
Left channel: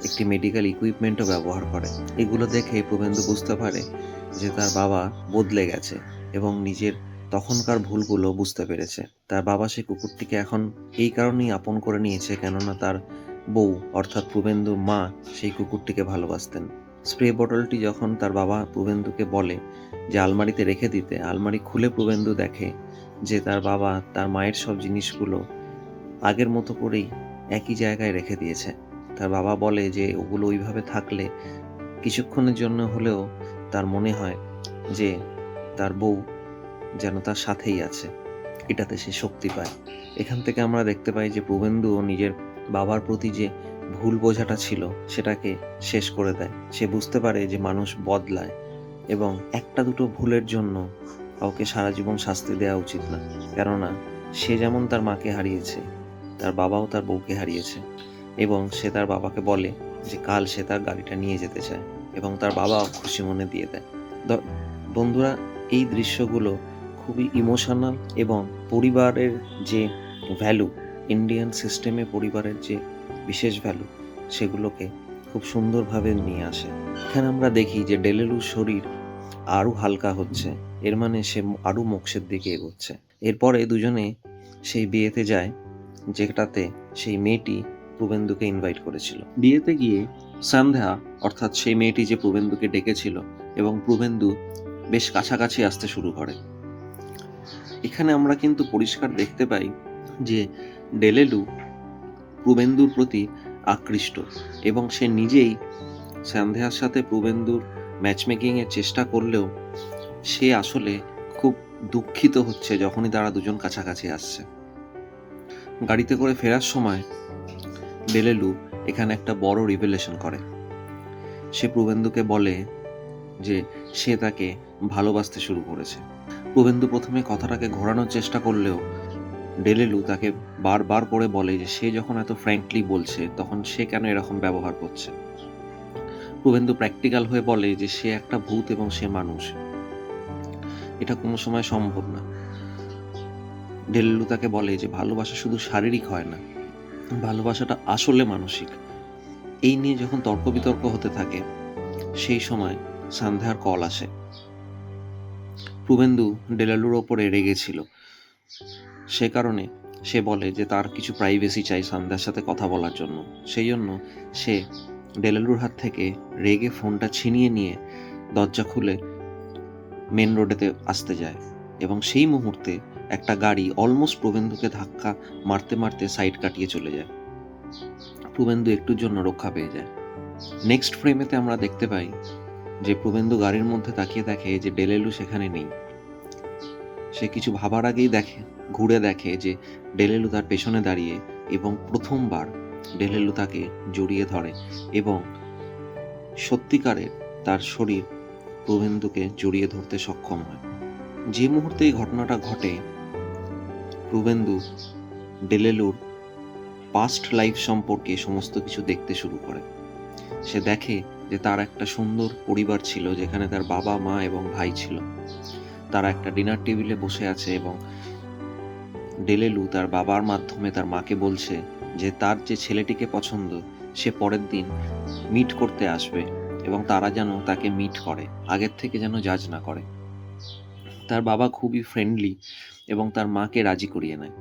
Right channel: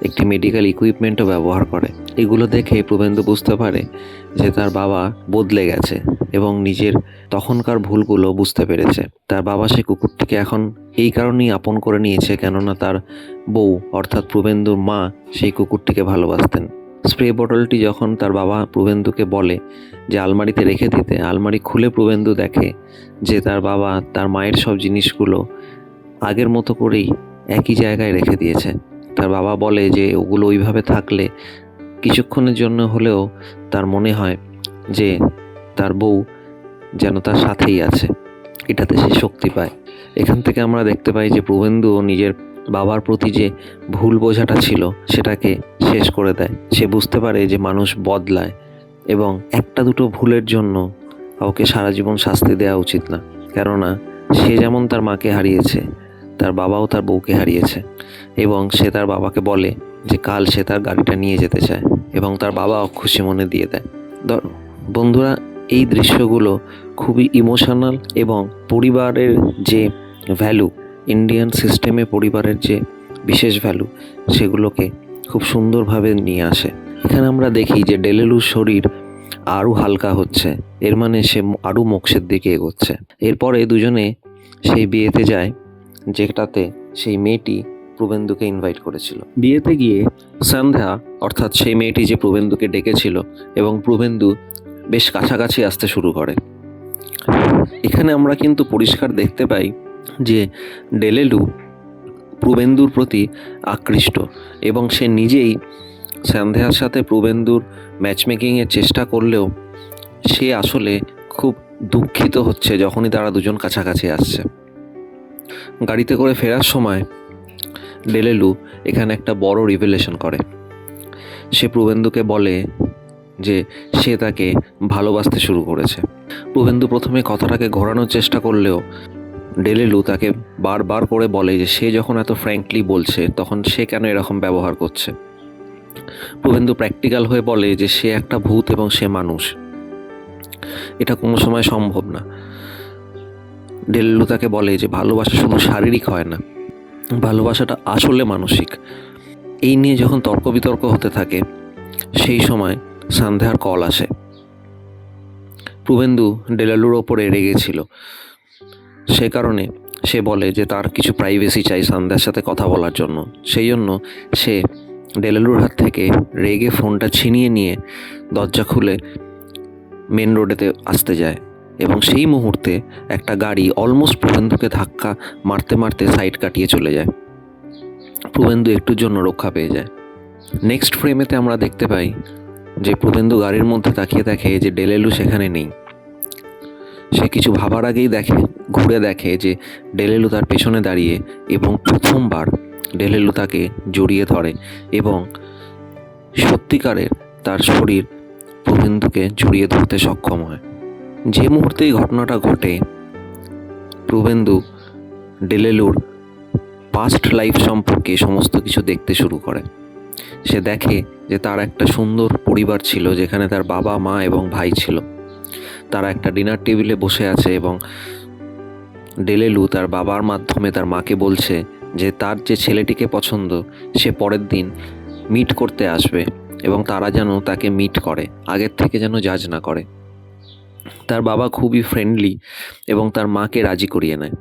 একটি মেডিকেল ইকুইপমেন্টও ব্যবহার করে। এগুলো দেখে প্রবেন্দু বুঝতে পারে যে তার বাবা বদলে গেছে এবং নিজের তখনকার ভুলগুলো বুঝতে পেরেছে। তার বাবা সেই কুকুরটিকে এখন এই কারণেই আপন করে নিয়েছে, কেননা তার বউ অর্থাৎ প্রবেন্দুর মা সেই কুকুরটিকে ভালোবাসতেন। স্প্রে বোতলটি যখন তার বাবা প্রবেন্দুকে বলে যে আলমারিতে রেখে দিতে, আলমারি খুলে প্রবেন্দু দেখে যে তার বাবা তার মায়ের সব জিনিসগুলো আগের মতো করেই একই জায়গায় রেখে দিয়েছে। তার বাবা বলে যে ওগুলো ওইভাবে থাকলে কিছুক্ষণের জন্য হলেও তার মনে হয় যে তার বউ যেন তার সাথেই আছে, এটাতে সে শক্তি পায়। এখান থেকে আমরা দেখতে পাই যে প্রবেন্দু নিজের বাবার প্রতি যে ভুল বোঝাটা ছিল সেটাকে শেষ করে দেয়। সে বুঝতে পারে যে মানুষ বদলায় এবং একটা দুটো ভুলের জন্য কাউকে সারা জীবন শাস্তি দেওয়া উচিত না, কেননা সে যেমন তার মাকে হারিয়েছে, তার বাবাও তার বউকে হারিয়েছে। এবং সে তার বাবাকে বলে যে কাল সে তার গাড়িটা নিয়ে যেতে চায় এবং তার বাবাও খুশি মনে দিয়ে দেয়। বন্ধুরা, এই দৃশ্যগুলো খুবই ইমোশনাল এবং পরিবারের যে ভ্যালু, ইন্ডিয়ান সিস্টেমে পরিবারের যে বিশেষ ভ্যালু, সেগুলোকে খুব সুন্দরভাবে নিয়ে আসে। এখানে আমরা দেখি যে ডেলেলুর শরীর আরও হালকা হচ্ছে, এর মানে সে আরও মোক্ষের দিকে এগোচ্ছে। এরপরে দুজনে সেই বিয়েতে যায় যেটাতে সেই মেয়েটি প্রবেন্দুকে ইনভাইট করেছিল। বিয়েতে গিয়ে সন্ধ্যা অর্থাৎ সেই মেয়েটি যে প্রবেন্দুকে ডেকেছিল এবং প্রবেন্দু বেশ কাছাকাছি আসতে শুরু করে। এখানে আমরা কিন্তু পরিষ্কার দেখতে পাই যে ডেলেলু প্রবেন্দুর প্রতি আকৃষ্ট এবং সে নিজেই সন্ধ্যার সাথে প্রবেন্দুর ম্যাচমেকিংয়ের চেষ্টা করলেও সে আসলে খুব দুঃখিত হচ্ছে যখনই তারা দুজন কাছাকাছি আসছে। গাড়িতে করে ফেরার সময় ডেলেলু এখানে একটা বড় রিভেলেশন করে। সে প্রবেন্দুকে বলে যে সে তাকে ভালোবাসতে শুরু করেছে। প্রবেন্দু প্রথমে কথাটাকে ঘোরানোর চেষ্টা করলেও ডেলেলু তাকে বারবার করে বলে যে সে যখন এত ফ্র্যাঙ্কলি বলছে তখন সে কেন এরকম ব্যবহার করছে। প্রবেন্দু প্র্যাকটিক্যাল হয়ে বলে যে সে একটা ভূত এবং সে মানুষ, এটা কোনো সময় সম্ভব না। ডেলেলু তাকে বলে যে ভালোবাসা শুধু শারীরিক হয় না, ভালোবাসাটা আসলে মানসিক। এই নিয়ে যখন তর্ক বিতর্ক হতে থাকে সেই সময় সন্ধ্যার কল আসে। প্রবেন্দু ডেলেলুর ওপরে রেগেছিল, সে কারণে সে বলে যে তার কিছু প্রাইভেসি চাই সন্ধ্যার সাথে কথা বলার জন্য। সেই জন্য সে ডেলেলুর হাত থেকে রেগে ফোনটা ছিনিয়ে নিয়ে দরজা খুলে মেন রোডেতে আসতে যায় এবং সেই মুহূর্তে একটা গাড়ি অলমোস্ট প্রবেন্দুকে ধাক্কা মারতে মারতে সাইড কাটিয়ে চলে যায়। প্রবেন্দু একটুর জন্য রক্ষা পেয়ে যায়। নেক্সট ফ্রেমেতে আমরা দেখতে পাই যে প্রবেন্দু গাড়ির মধ্যে তাকিয়ে দেখে যে ডেলেলু সেখানে নেই। সে কিছু ভাবার আগেই ঘুরে দেখে যে ডেলেলু তার পেছনে দাঁড়িয়ে এবং প্রথমবার ডেলেলু তাকে জড়িয়ে ধরে এবং সত্যিকারের তার শরীর প্রবেন্দুকে জড়িয়ে ধরতে সক্ষম হয়। যে মুহূর্তে এই ঘটনাটা ঘটে প্রবেন্দু ডেলেলুর পাস্ট লাইফ সম্পর্কে সমস্ত কিছু দেখতে শুরু করে। সে দেখে যে তার একটা সুন্দর পরিবার ছিল যেখানে তার বাবা মা এবং ভাই ছিল। তারা একটা ডিনার টেবিলে বসে আছে এবং ডেলেলু তার বাবার মাধ্যমে তার মাকে বলছে যে তার যে ছেলেটিকে পছন্দ সে পরের দিন মিট করতে আসবে এবং তারা যেন তাকে মিট করে, আগের থেকে যেন জাজ না করে। তার বাবা খুবই ফ্রেন্ডলি এবং তার মাকে রাজি করিয়ে নেয়।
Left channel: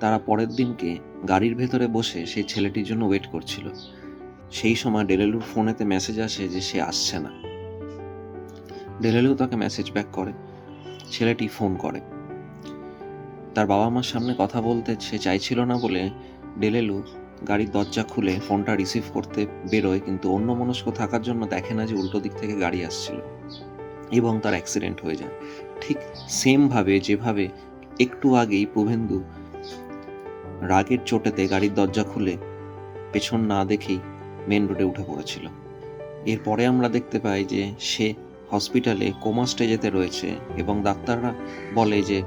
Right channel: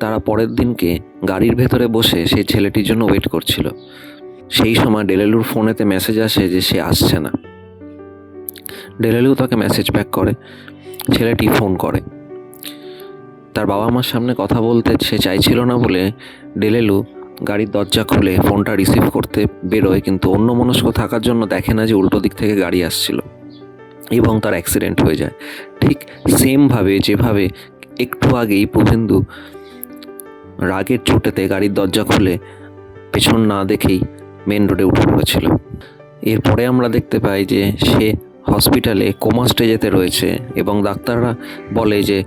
তারা পরের দিনকে গাড়ির ভেতরে বসে সেই ছেলেটির জন্য ওয়েট করছিল। সেই সময় ডেলেলুর ফোনেতে মেসেজ আসে যে সে আসছে না। ডেলেলু তাকে মেসেজ ব্যাক করে, ছেলেটি ফোন করে। তার বাবা মার সামনে কথা বলতে সে চাইছিল না বলে ডেলেলু গাড়ির দরজা খুলে ফোনটা রিসিভ করতে বেরোয়, কিন্তু অন্যমনস্ক থাকার জন্য দেখে না যে উল্টো দিক থেকে গাড়ি আসছিল এবং তার অ্যাক্সিডেন্ট হয়ে যায়। ঠিক সেমভাবে যেভাবে একটু আগেই প্রবেন্দু রাগের চোটেতে গাড়ির দরজা খুলে পেছন না দেখেই মেন রোডে উঠে পড়েছিল। এরপরে আমরা দেখতে পাই যে সে হসপিটালে কোমা স্টেজেতে রয়েছে এবং ডাক্তাররা বলে যে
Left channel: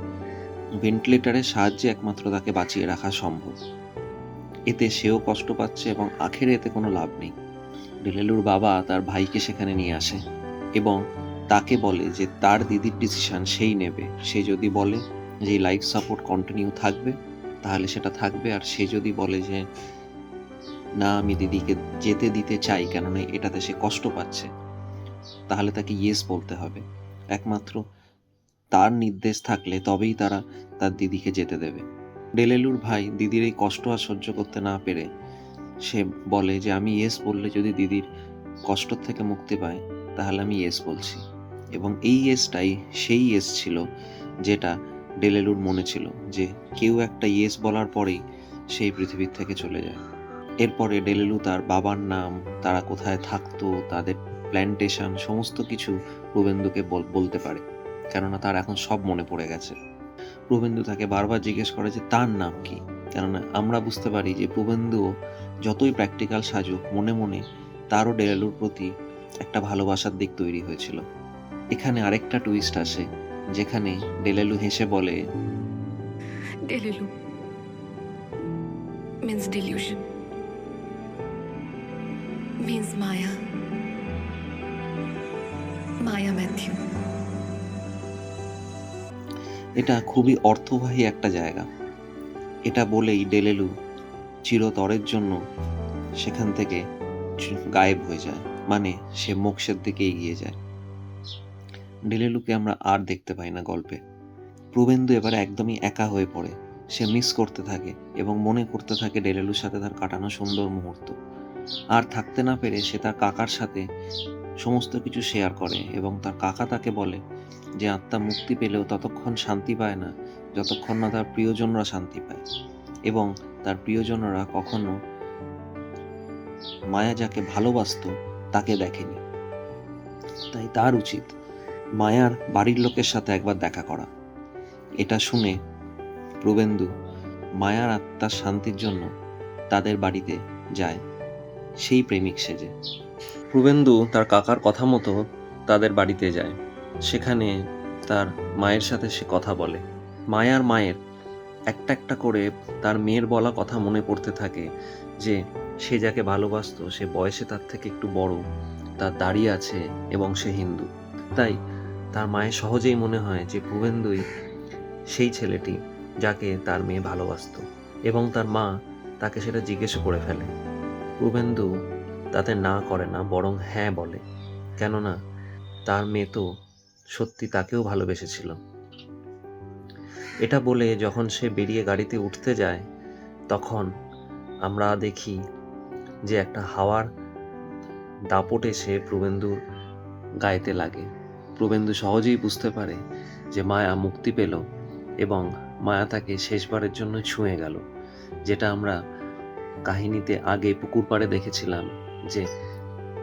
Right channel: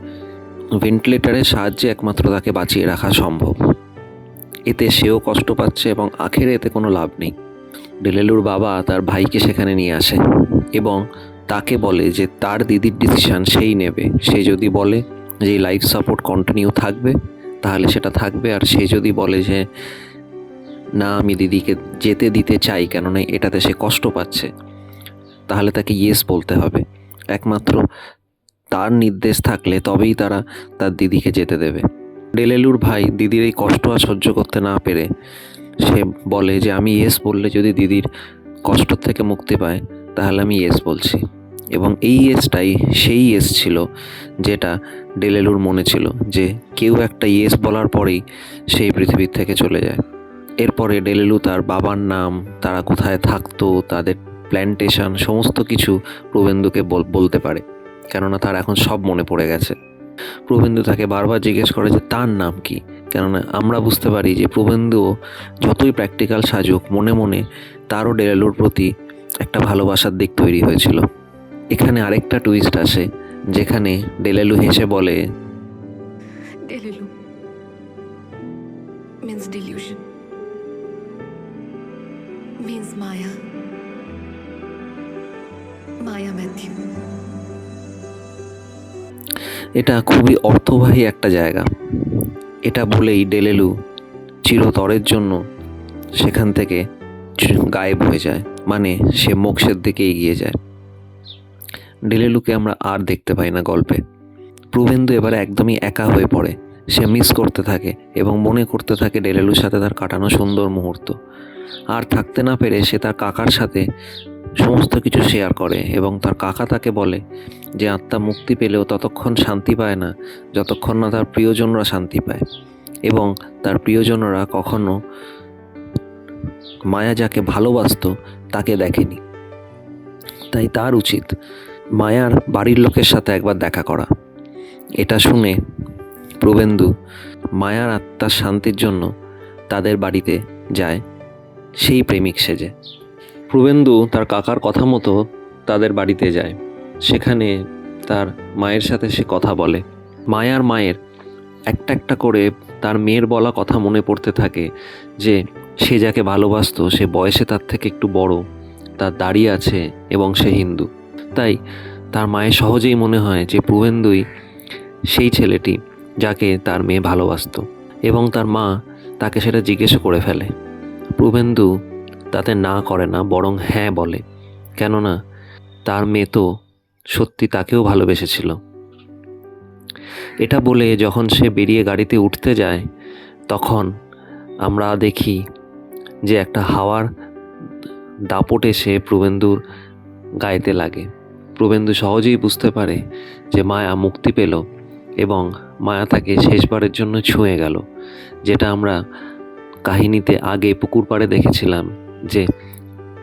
ভেন্টিলেটরের সাহায্যে একমাত্র তাকে বাঁচিয়ে রাখা সম্ভব। এতে সেও কষ্ট পাচ্ছে এবং আখেরে এতে কোনো লাভ নেই। ডেলেলুর বাবা তার ভাইকে সেখানে নিয়ে আসে এবং তাকে বলে যে তার দিদির ডিসিশান সেই নেবে। সে যদি বলে যে লাইফ সাপোর্ট কন্টিনিউ থাকবে তাহলে সেটা থাকবে, আর সে যদি বলে যে না আমি দিদিকে যেতে দিতে চাই কেননা এটাতে সে কষ্ট পাচ্ছে, তাহলে তাকে ইয়েস বলতে হবে। একমাত্র তার নির্দেশ থাকলে তবেই তারা তার দিদিকে যেতে দেবে। ডেলেলুর ভাই দিদির এই কষ্ট আর সহ্য করতে না পেরে সে বলে যে আমি ইয়েস বললে যদি দিদির কষ্ট থেকে মুক্তি পায় তাহলে আমি ইয়েস বলছি। এবং এই ইয়েসটাই সেই ইয়েস ছিল যেটা ডেলেলুর মনে ছিল, যে কেউ একটা ইয়েস বলার পরেই সেই পৃথিবীর থেকে চলে যায়। এরপরে ডেলেলু তার বাবার নাম, তারা কোথায় থাকতো, তাদের প্ল্যান্টেশন, সমস্ত কিছু প্রবেন্দুকে বলতে পারে, কেননা তার এখন সব মনে পড়ে গেছে। প্রবেন্দু তাকে বারবার জিজ্ঞেস করে যে তার নাম কি, কেননা আমরা বুঝতে পারি যে প্রবেন্দুও যতই প্র্যাকটিক্যাল সাজুক, মনে মনে তারও ডেলেলুর প্রতি একটা ভালোবাসার দিক তৈরি হয়েছিল। এখানে আরেকটা টুইস্ট আসে, যেখানে ডেলেলু হেসে বলে Delulu means delusion, means Maya. Maya Matthew. এটা খুবই অর্থবাহী একটা জায়গা। এটা বলেই ডেলেলু চিরতরের জন্য সেখান থেকে গায়েব হয়ে যায়, মানে সে মোক্ষের দিকে এগিয়ে যায়। ডেলেলুকে আমরা আর দেখতে পাই না গল্পে। প্রবেন্দু এবারে একদমই একা হয়ে পড়ে। সে মিস করতে থাকে এবং মনে করতে থাকে ডেলেলুর সাথে তার কাটানো সুন্দর মুহূর্ত। আর থাকতে না পেরে সে তার কাকার সাথে সমস্ত কিছু শেয়ার করে এবং তার কাকা তাকে বলে যে আত্মা মুক্তি পেলেও ততক্ষণ শান্তি পায় না যতক্ষণ না তার প্রিয়জনরা শান্তি পায়, এবং তার প্রিয়জনরা কখনো মায়া যাকে ভালোবাসতো তাকে দেখেনি। তাই তার উচিত মায়ার বাড়ির লোকের সাথে একবার দেখা করা। এটা শুনে প্রবেন্দু মায়ার আত্মার শান্তির জন্য তাদের বাড়িতে যায় সেই প্রেমিক সেজে। প্রবেন্দু তার কাকার কথা মতো তাদের বাড়িতে যায়। সেখানে তার মায়ের সাথে সে কথা বলে। মায়ের একটা একটা করে তার মেয়ের বলা কথা মনে পড়তে থাকে, যে সে যাকে ভালোবাসতো সে বয়সে তার থেকে একটু বড়, তার দাড়ি আছে এবং সে হিন্দু। তাই তার মায়ের সহজেই মনে হয় যে প্রবেন্দুই সেই ছেলেটি যাকে তার মেয়ে ভালোবাসতো, এবং তার মা তাকে সেটা জিজ্ঞেস করে ফেলে। প্রবেন্দু তাতে না করে না, বরং হ্যাঁ বলে, কেননা তার মেয়ে তো সত্যি তাকেও ভালোবেসেছিল। এটা বলে যখন সে বেরিয়ে গাড়িতে উঠতে যায়, তখন আমরা দেখি যে একটা হাওয়ার দাপট এসে প্রবেন্দুর গায়েতে লাগে। প্রবেন্দু সহজেই বুঝতে পারে যে মায়া মুক্তি পেল এবং মায়া তাকে শেষবারের জন্য ছুঁয়ে গেল, যেটা আমরা কাহিনীতে আগে পুকুর পাড়ে দেখেছিলাম, যে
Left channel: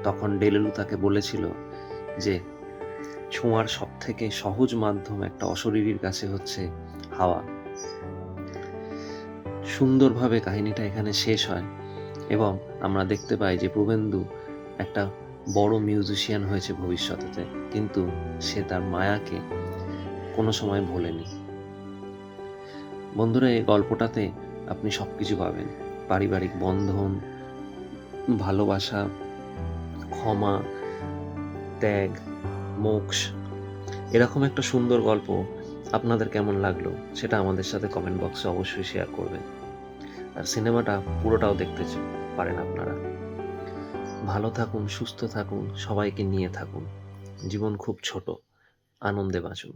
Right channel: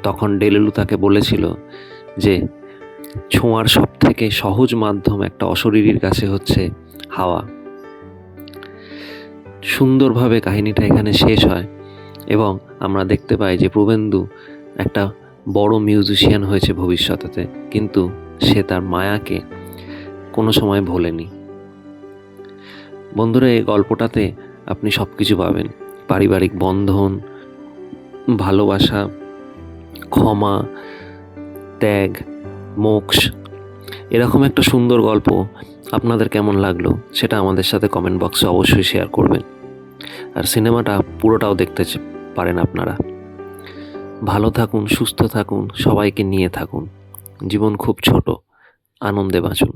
তখন ডেলেলু তাকে বলেছিল যে ছোঁয়ার সব থেকে সহজ মাধ্যম একটা অশরীরীর কাছে হচ্ছে হাওয়া। সুন্দরভাবে কাহিনীটা এখানে শেষ হয় এবং আমরা দেখতে পাই যে প্রবেন্দু একটা বড় মিউজিশিয়ান হয়েছে ভবিষ্যতেতে, কিন্তু সে তার মায়াকে কোনো সময় ভোলেনি। বন্ধুরা, এই গল্পটাতে আপনি সব কিছু পাবেন: পারিবারিক বন্ধন, ভালোবাসা, ক্ষমা, ত্যাগ, মোক্ষ। এরকম একটা সুন্দর গল্প আপনাদের কেমন লাগলো সেটা আমাদের সাথে কমেন্ট বক্সে অবশ্যই শেয়ার করবেন। আর সিনেমাটা পুরোটাও দেখতে পারেন আপনারা। ভালো থাকুন, সুস্থ থাকুন, সবাইকে নিয়ে থাকুন। জীবন খুব ছোট, আনন্দে বাঁচুন।